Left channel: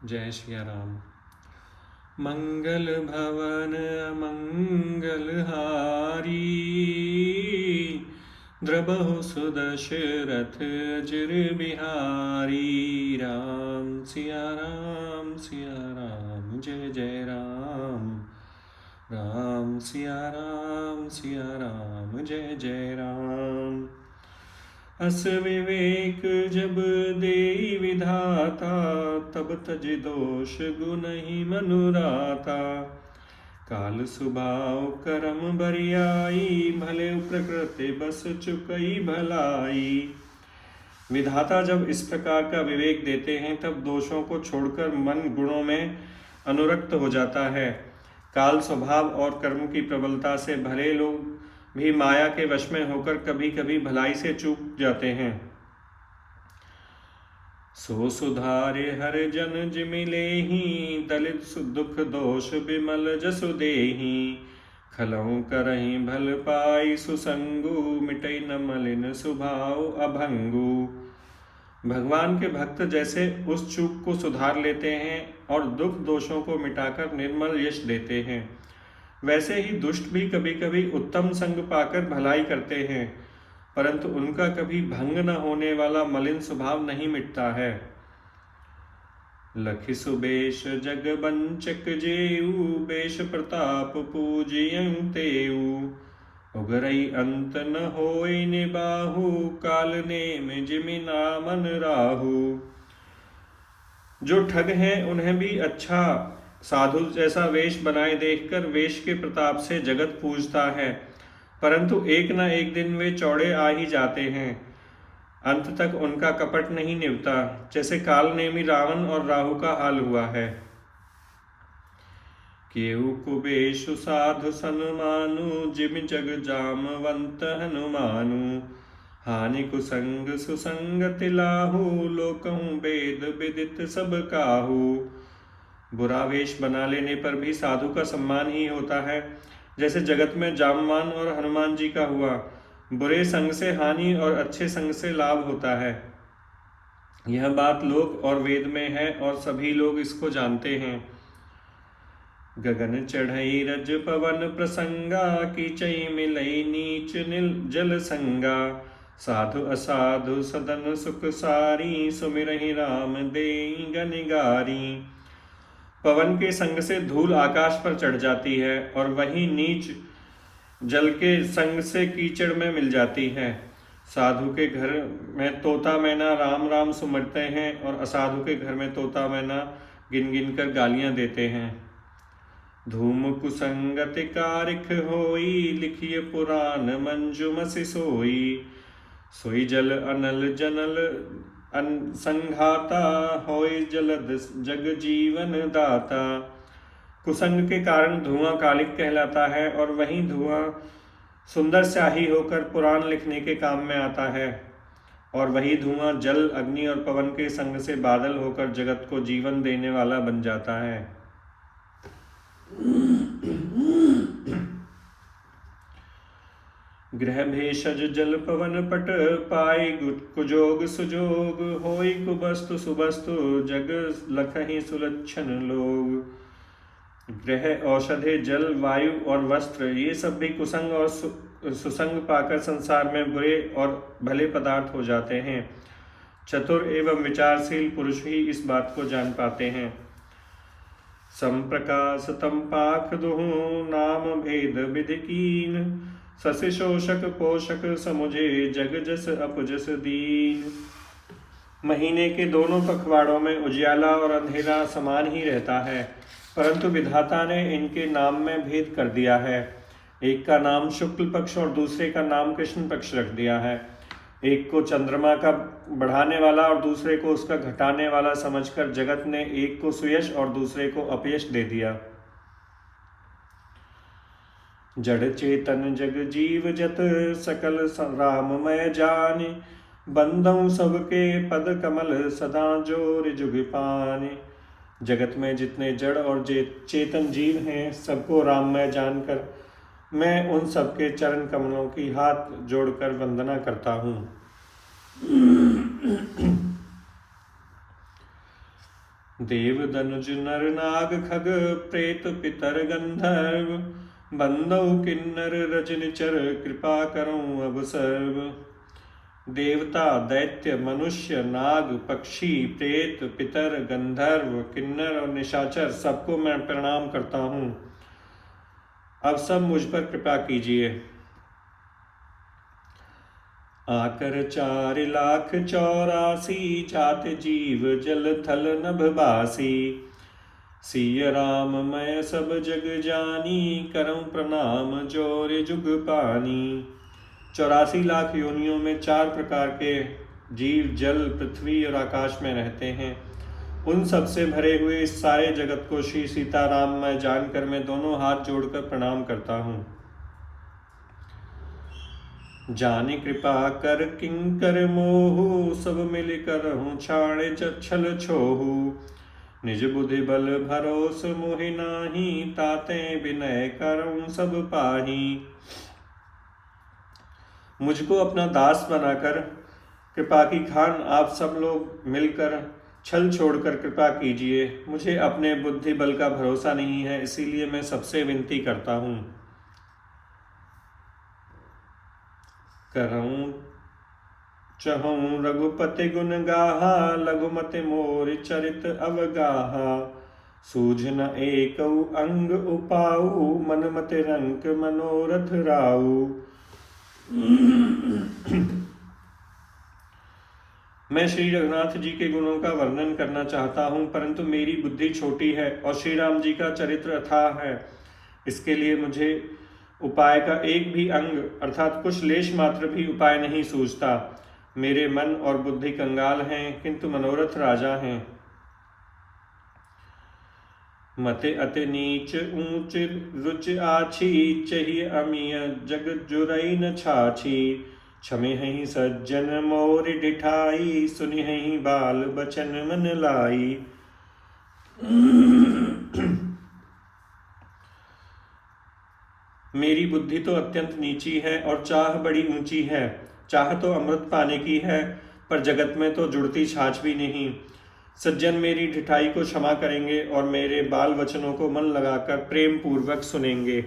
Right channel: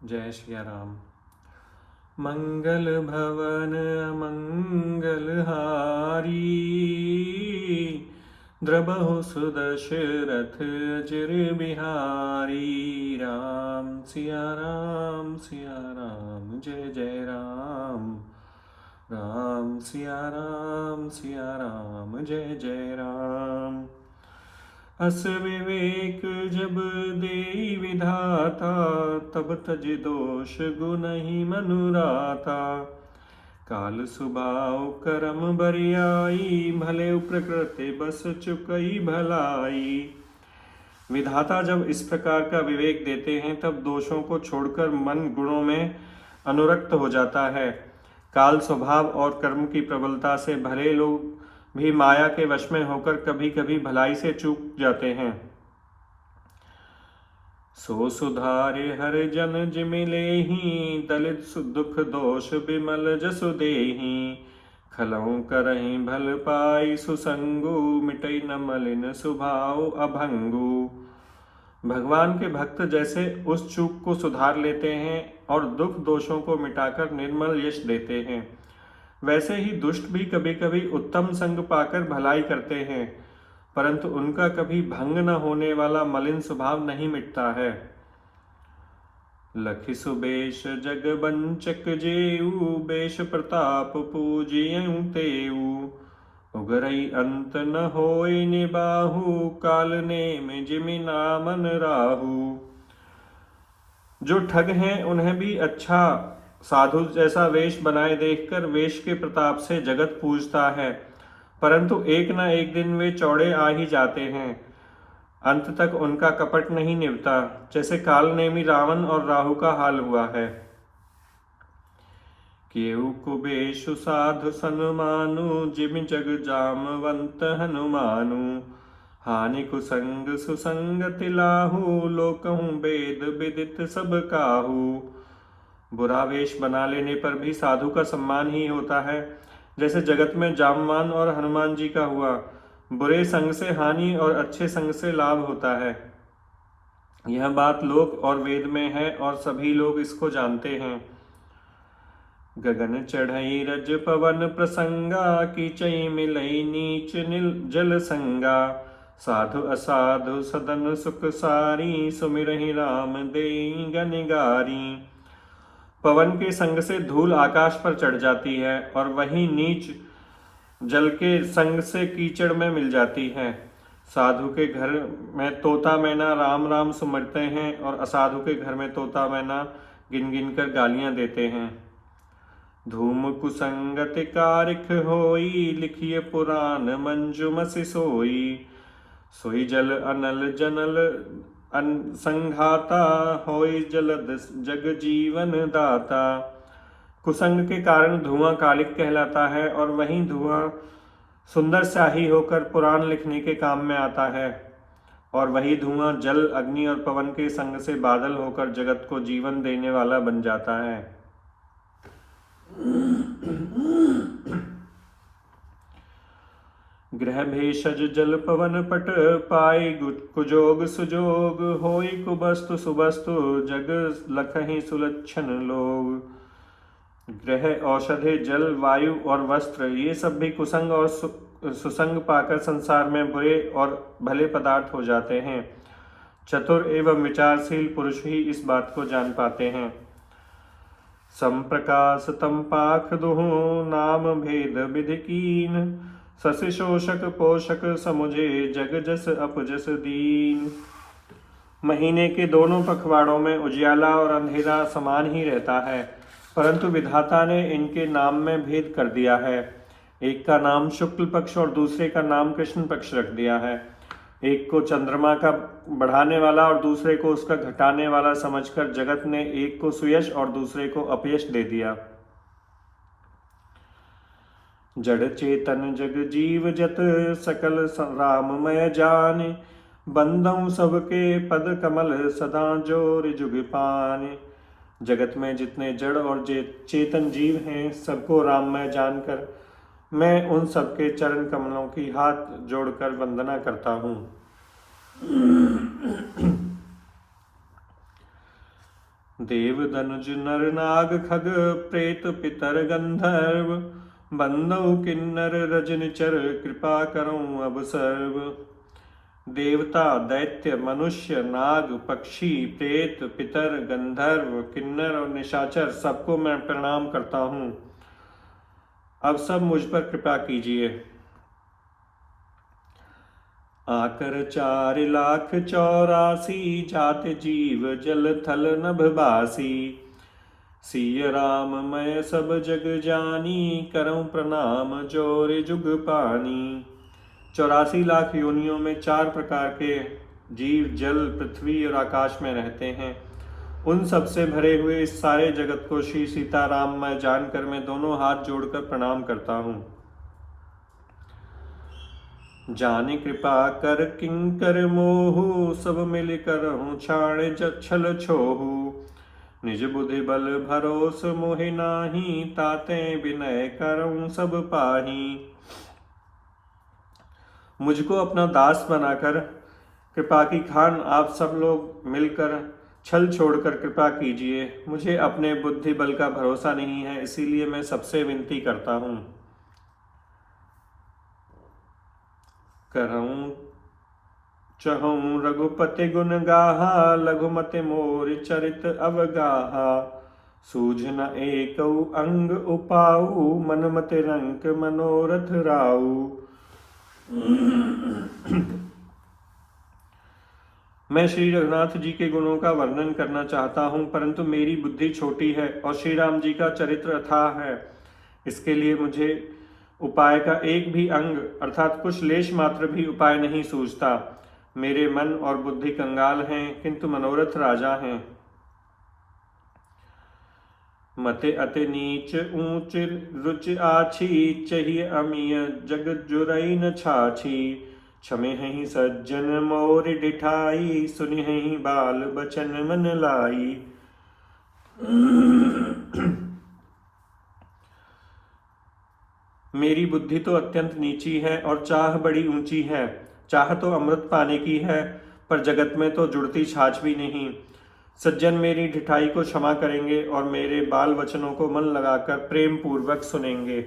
जय श्री राम। मंगल भवन अमंगल हारी, द्रबहु सुदशरथ अजर बिहारी। राम सिया राम सिया राम, जय जय राम। राम सिया राम, जय जय राम। अस विवेक जब देई विधाता, तब तज दोष गुनहि मनुराता। काल सुभाव करम बरियाई, भले प्रकृति बस चुकई भलाई। विधाता जब इस प्रकार का विवेक देते हैं, तब दोषों को छोड़कर मन गुणों में अनुरक्त हो जाता है। काल स्वभाव और कर्म की प्रबलता से भले लोग भी माया के वश में होकर कभी कभी भलाई से चूक जाते हैं। सो सुधारे हर जन जिमिलेहि, दलित दुख दोष बिमल जसु देहि। खलौ करहि भल पाई सुसंगु, मिटई न मलिन सुभाव अभंगु। भगवान के भक्त जैसे उस चूक को सुधार लेते हैं और दुख दोषों को मिटाकर निर्मल यश देते हैं, वैसे ही दुष्ट भी कभी कभी उत्तम संग पाकर भलाई करते हैं, परंतु उनका कभी भंग न होने वाला मलिन स्वभाव नहीं मिटता है। लखि सुबेश जग बंचक जेऊ, बेश प्रताप पूजियं तेऊ। उगरई अंत न होय निबाहु, काल नेम जिमि नामन राहु। जो ठग हैं उन्हें भी अच्छा साधु जैसा वेश बनाए देखकर वेश के प्रताप से जगत पूजता है, परंतु एक न एक दिन वे चौड़े आ ही जाते हैं। अंत तक उनका कपट नहीं निभता, जैसे काल नेमी रावण और राहु का हाल हुआ है। केहू कुबेशु साधु सन्मानु, जिमि जग जामवंत हनुमानु। हानि कुसंग सुसंगति लाहू, लोकहु वेद विदित सब काहू। बुरा वेश बना लेने पर भी साधु का सम्मान ही होता है, जैसे जगत में जामवान और हनुमान जी का हुआ। बुरे संग से हानि और अच्छे संग से लाभ होता है। यह बात लोक और वेद में है और सभी लोग इसको जानते हैं। गगन चढ़ई रज पवन प्रसंगा, कीचई मिलई नीच नील जल संगा। साधु असाधु सदन सुख सारी, सुमिरहि राम देई गनिगारी। पवन के संग से धूल आकाश पर चढ़ जाती है और वही नीच जल के संग से कीचड़ में मिल जाती है। साधु के घर में तोता मैना राम राम सुमरते हैं और असाधु के घर में तोता मैना गिन गिन कर गालियां देते हैं। धूम कुसंगति कारिख होई, लिखिए पुराण मंजुमसि सोई। सोई जल अनल जनल संघाता, होय जलद जग जीवन दाता। कुसंग के कारण धुआं कालिक कहलाता है और वही धुआं सुंदर स्याही होकर पुराण लिखने के काम में आता है, और वही धुआं जल अग्नि और पवन के संग से बादल होकर जगत को जीवन देने वाला बन जाता है। गृह भेषज जल पवन पट, पाई कुजोग सुजोग। होई कुबस्तु सुबस्तु, जग लखहि सुलक्षण लोग। गृह औषधि जल वायु और वस्त्र, ये सब भी कुसंग और सुसंग पाकर संसार में बुरे और भले पदार्थ हो जाते हैं। चतुर एवं विचारशील पुरुष ही इस बात को जान पाते हैं। संप्रकाश तम पाख दुहु, नाम भेद विधि कीन। ससि शोषक पोषक समुझे, जग जस अपजस दीन। महीने के दोनों पखवाड़ों में उजियाला और अंधेरा समान ही रहता है, परंतु विधाता ने इनके नाम में भेद कर दिया है। एक का नाम शुक्ल पक्ष और दूसरे का नाम कृष्ण पक्ष रख दिया है। एक को चंद्रमा का बढ़ाने वाला और दूसरे को उसका घटाने वाला समझकर जगत ने एक को सुयश और दूसरे को अपयश दे दिया। जड़ चेतन जग जीव जत, सकल राममय जाने। बंदौ सबके पद कमल, सदा जोर जुग पाने। जगत में जितने जड़ और चेतन जीव हैं, सबको राममय जानकर मैं उन सबके चरण कमलों की हाथ जोड़कर वंदना करता हूँ। देव दनुज नर नाग खग प्रेत पितर गंधर्व, बंदौ किन्नर रजनिचर कृपा करो अब सर्व। देवता दैत्य मनुष्य नाग पक्षी प्रेत पितर गंधर्व किन्नर और निशाचर सबको मैं प्रणाम करता हूँ। अब सब मुझ पर कृपा कीजिए। आकर 4,84,00,000 जात जीव जल थल नभ बासी। सिय राम मैं सब जग जानी, करऊं प्रणाम जोर जुग पानी। 84 लाख योनियों में 4 प्रकार के जीव जल पृथ्वी और आकाश में रहते हैं। उन सब से भरे हुए इस सारे जगत को श्री सीताराम मैं जानकर मैं दोनों हाथ जोड़कर प्रणाम करता हूँ। जाने कृपा कर किंकर मोहु, सब मिल करहूँ छाड़े छल छोहू। निज बुद्धि बल भरोस मोहि नाही, ताते विनय करऊँ सब पाही। मुझको अपना दास बनाकर कृपा की खान आप सब लोग मिलकर छल छोड़कर कृपा कीजिए। मुझे अपने बुद्धि बल का भरोसा नहीं है, इसीलिए मैं सबसे विनती करता हूँ। करऊं चहूं रघुपति गुण गाहा, लघुमति मोर चरित अवगाहा। सूझ न एकौ अंग उपाऊ, मनमत रंक मनोरथ राऊ। मैं श्री रघुनाथ जी के गुणों का वर्णन करना चाहता हूँ, परंतु मेरी बुद्धि छोटी है और श्री राम जी का चरित्र अथाह है। इसके लिए मुझे उपाय का एक भी अंग अर्थात कुछ लेश मात्र भी उपाय नहीं सूझता। मेरे मन और बुद्धि कंगाल हैं, किंतु मनोरथ राजा हैं। मते अति नीच ऊंच रुच आछी, चाहिए अमीय जग जुरई न छाछी। क्षमे हहीं सज्जन मोर डिठाई, सुनि हहीं बाल बचन मन लाई। मेरी बुद्धि तो अत्यंत नीची है और चाह बड़ी ऊंची है। चाह तो अमृत पाने की है, पर जगत में तो जुड़ती छाछ भी नहीं। सज्जन मेरी ढिठाई को क्षमा करेंगे और मेरे बाल वचनों को मन लगाकर प्रेम पूर्वक सुनेंगे।